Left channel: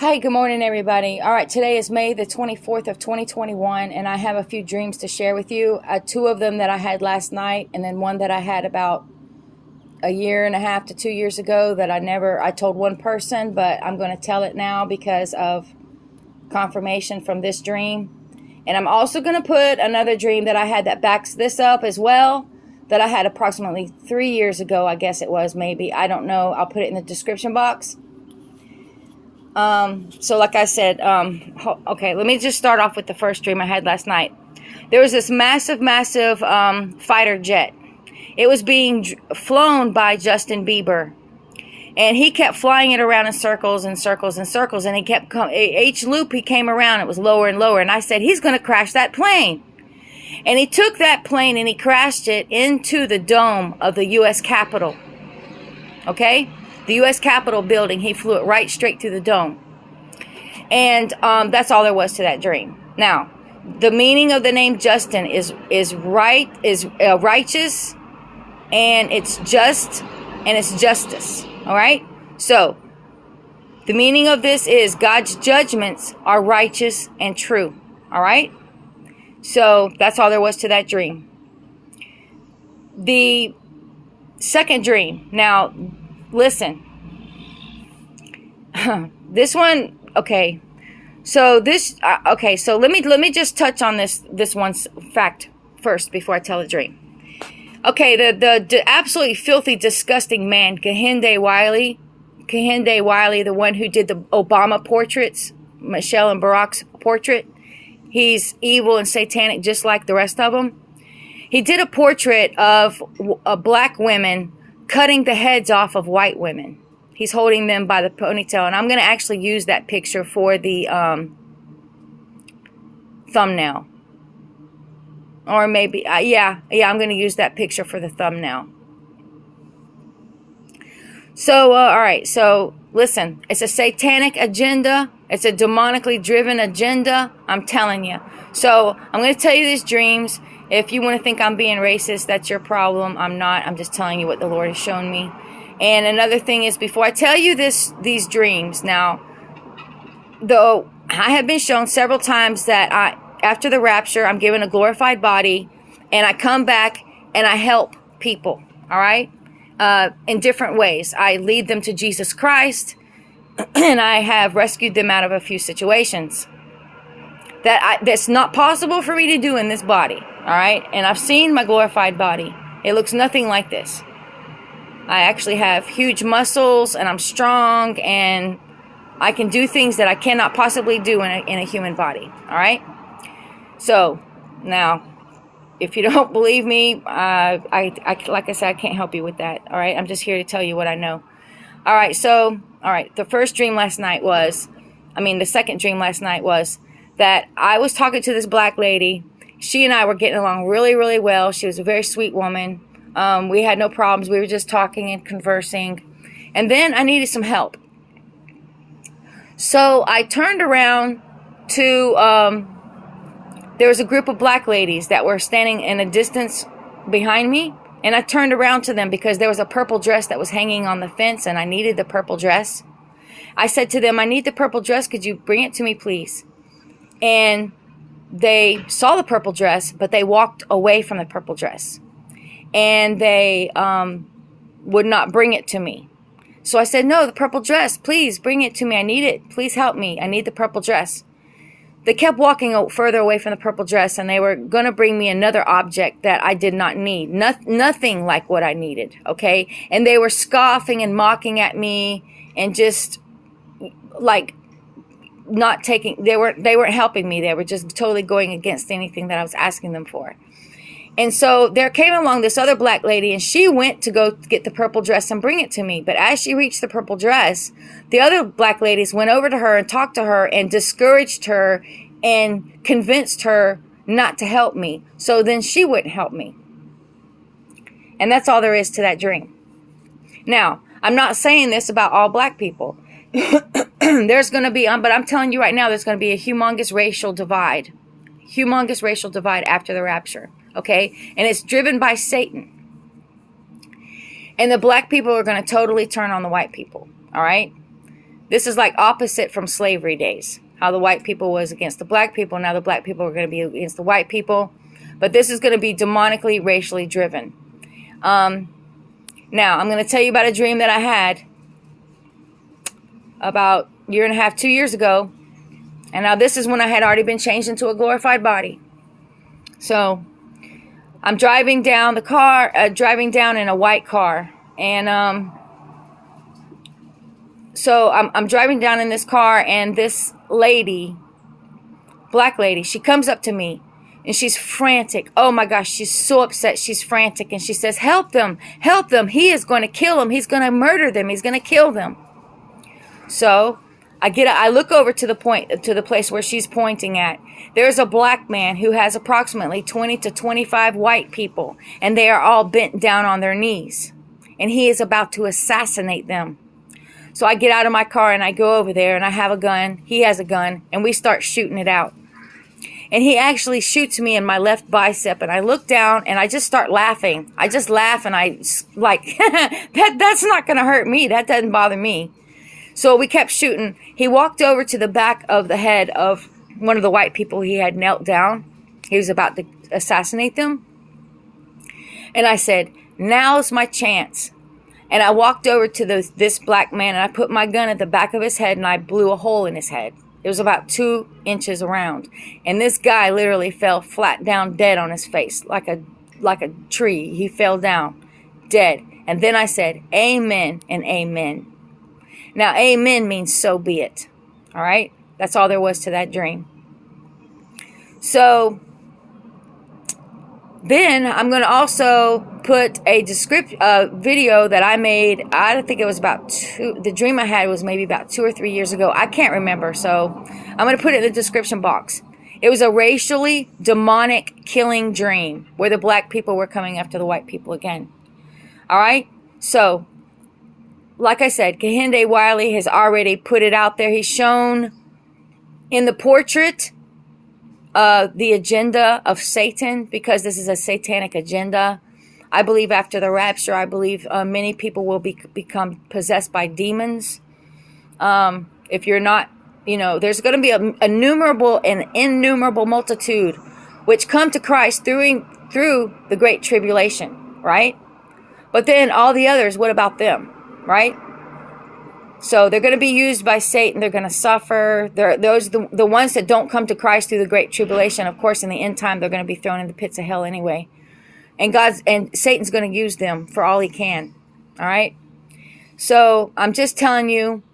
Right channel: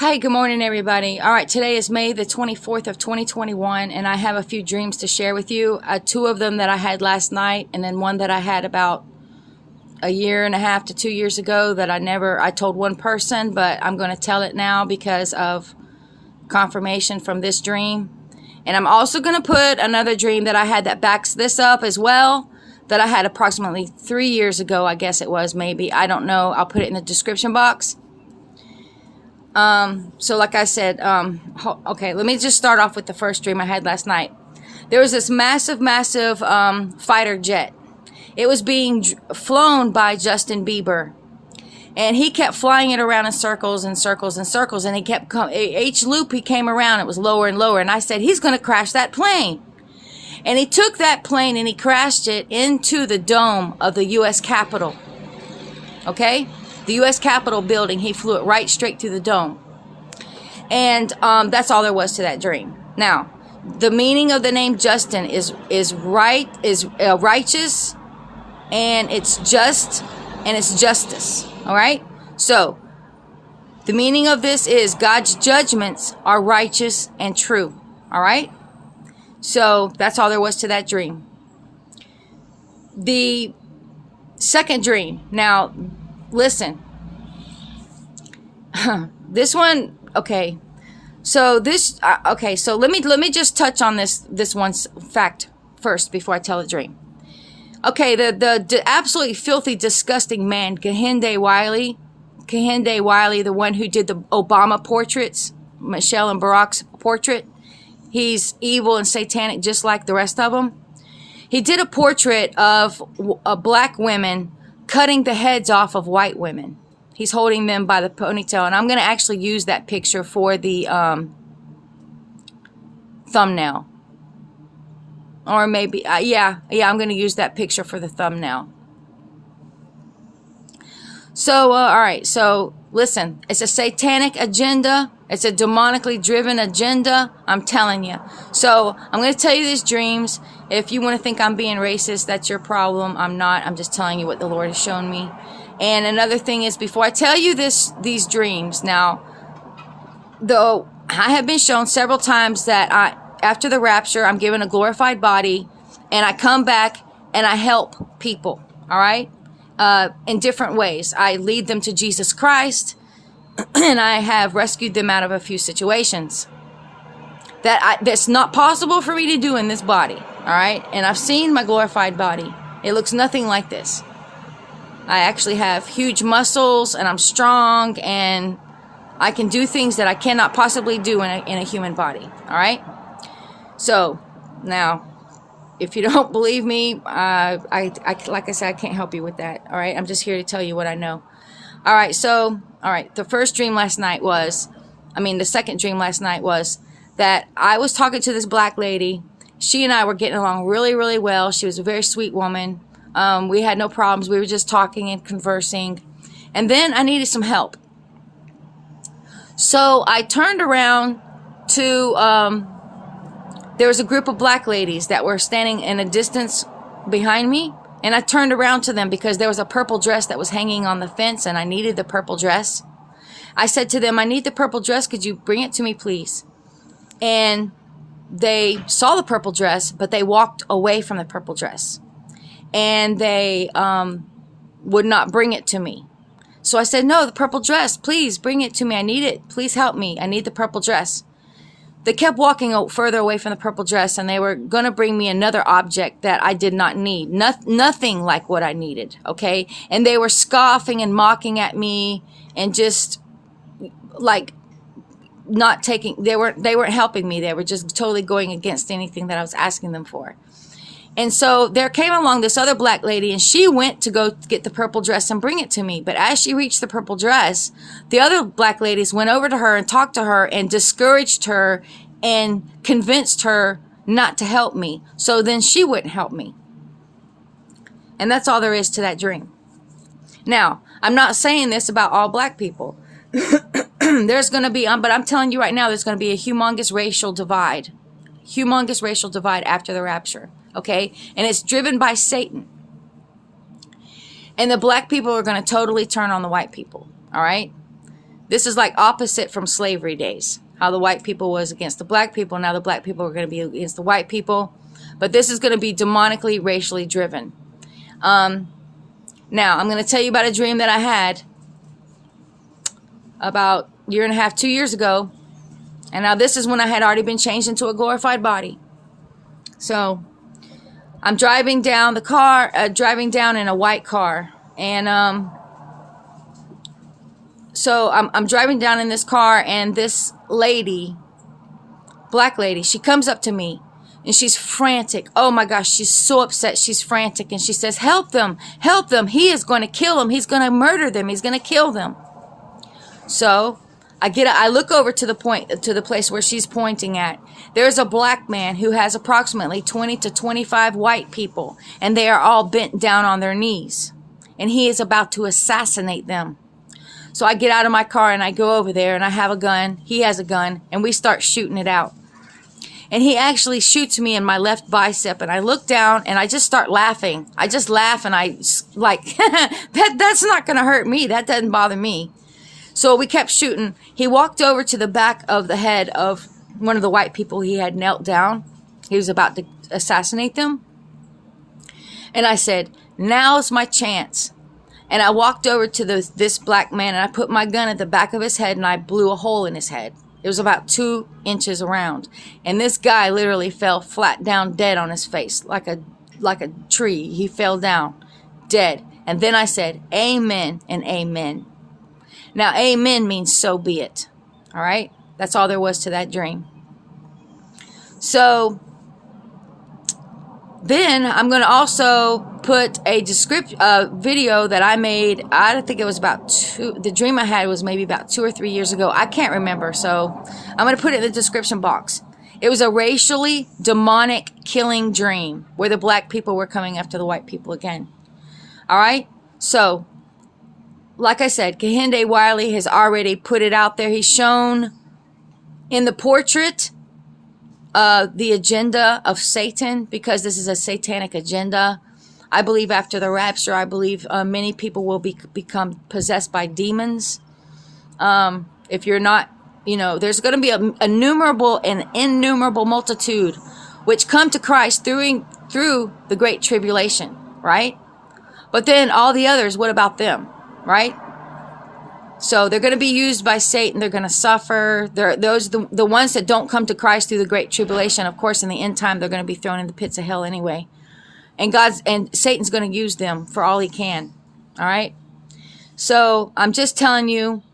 Hi, good morning, everybody. All right, today is May the 24th of 2021, and I have a few dreams to share with you. Two of them that I had last night, and then one that I had about a year and a half to 2 years ago that I told one person, but I'm going to tell it now because of confirmation from this dream. And I'm also going to put another dream that I had that backs this up as well, that I had approximately 3 years ago, I guess it was, maybe. I don't know. I'll put it in the description box. So like I said, okay, let me just start off with the first dream I had last night. There was this massive fighter jet. It was being flown by Justin Bieber, and he kept flying it around in circles and circles and circles, and he kept each loop he came around, it was lower and lower, and I said, he's going to crash that plane. And he took that plane and he crashed it into the dome of the U.S. Capitol. Okay? The U.S. Capitol building, he flew it right straight through the dome. And that's all there was to that dream. Now, the meaning of the name Justin is righteous, and it's just, and it's justice. All right? So, the meaning of this is God's judgments are righteous and true. All right? So, that's all there was to that dream. The second dream. Now, listen. This one, okay. So so let me just touch on this one's fact first before I tell the dream. Okay, the absolutely filthy, disgusting man, Kehinde Wiley, the one who did the Obama portraits, Michelle and Barack's portrait. He's evil and satanic just like the rest of them. He did a portrait of black women cutting the heads off of white women. He's holding them by the ponytail, and I'm going to actually use that picture for the thumbnail. Or maybe, yeah, I'm going to use that picture for the thumbnail. So, all right, so listen, it's a satanic agenda. It's a demonically driven agenda, I'm telling you. So, I'm going to tell you these dreams. If you want to think I'm being racist, that's your problem. I'm not. I'm just telling you what the Lord has shown me. And another thing is, before I tell you these dreams, now, though I have been shown several times that after the rapture, I'm given a glorified body, and I come back and I help people, all right, in different ways. I lead them to Jesus Christ, and I have rescued them out of a few situations that's not possible for me to do in this body, all right? And I've seen my glorified body. It looks nothing like this. I actually have huge muscles, and I'm strong, and I can do things that I cannot possibly do in a human body. All right? So, now, if you don't believe me, like I said, I can't help you with that. All right? I'm just here to tell you what I know. All right, so, all right, the second dream last night was that I was talking to this black lady. She and I were getting along really, really well. She was a very sweet woman. We had no problems. We were just talking and conversing. And then I needed some help. So I turned around to, there was a group of black ladies that were standing in a distance behind me. And I turned around to them because there was a purple dress that was hanging on the fence, and I needed the purple dress. I said to them, I need the purple dress. Could you bring it to me, please? And they saw the purple dress, but they walked away from the purple dress. And they would not bring it to me. So I said, no, the purple dress, please bring it to me. I need it. Please help me. I need the purple dress. They kept walking further away from the purple dress, and they were going to bring me another object that I did not need. Nothing like what I needed, okay? And they were scoffing and mocking at me and just like not taking, they weren't helping me. They were just totally going against anything that I was asking them for. And so there came along this other black lady, and she went to go get the purple dress and bring it to me. But as she reached the purple dress, the other black ladies went over to her and talked to her and discouraged her and convinced her not to help me. So then she wouldn't help me. And that's all there is to that dream. Now, I'm not saying this about all black people. There's going to be, but I'm telling you right now, there's going to be a humongous racial divide. Humongous racial divide after the rapture. Okay? And it's driven by Satan. And the black people are going to totally turn on the white people. All right? This is like opposite from slavery days. How the white people was against the black people. Now the black people are going to be against the white people. But this is going to be demonically, racially driven. Now, I'm going to tell you about a dream that I had about a year and a half, 2 years ago. And now this is when I had already been changed into a glorified body. So I'm driving down driving down in a white car. And so I'm driving down in this car, and this lady, black lady, she comes up to me. And she's frantic. Oh my gosh, she's so upset. She's frantic. And she says, help them, help them. He is going to kill them. He's going to murder them. He's going to kill them. So I look over to the place where she's pointing at. There's a black man who has approximately 20 to 25 white people. And they are all bent down on their knees. And he is about to assassinate them. So I get out of my car and I go over there, and I have a gun. He has a gun, and we start shooting it out. And he actually shoots me in my left bicep, and I look down and I just start laughing. I just laugh, and I like, that's not going to hurt me. That doesn't bother me. So we kept shooting. He walked over to the back of the head of one of the white people. He had knelt down. He was about to assassinate them. And I said, now's my chance. And I walked over to this black man, and I put my gun at the back of his head, and I blew a hole in his head. It was about 2 inches around. And this guy literally fell flat down dead on his face, like a tree. He fell down dead. And then I said, amen and amen. Now, amen means so be it. All right? That's all there was to that dream. So then I'm going to also put a video that I made. I think it was the dream I had was maybe about 2 or 3 years ago. I can't remember. So I'm going to put it in the description box. It was a racially demonic killing dream where the black people were coming after the white people again. All right. So like I said, Kehinde Wiley has already put it out there. He's shown in the portrait the agenda of Satan, because this is a satanic agenda. I believe after the rapture, I believe many people will become possessed by demons. If you're not, there's going to be an innumerable multitude which come to Christ through the Great Tribulation, right? But then all the others, what about them, right? So they're going to be used by Satan. They're going to suffer. The ones that don't come to Christ through the Great Tribulation, of course, in the end time, they're going to be thrown in the pits of hell anyway. And Satan's going to use them for all he can. All right. So I'm just telling you,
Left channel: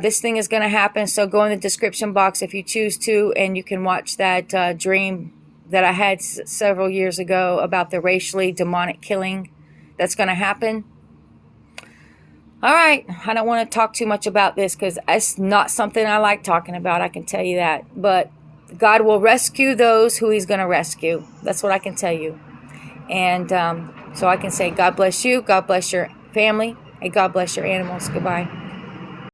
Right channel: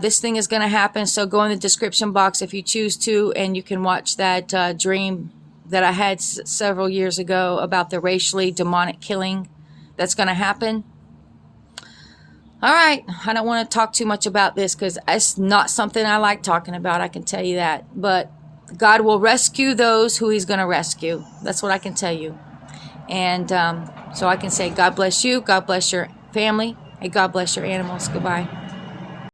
this thing is going to happen. So go in the description box if you choose to, and you can watch that dream that I had several years ago about the racially demonic killing that's going to happen. All right, I don't want to talk too much about this because it's not something I like talking about, I can tell you that. But God will rescue those who he's going to rescue. That's what I can tell you. And so I can say God bless you, God bless your family, and God bless your animals. Goodbye.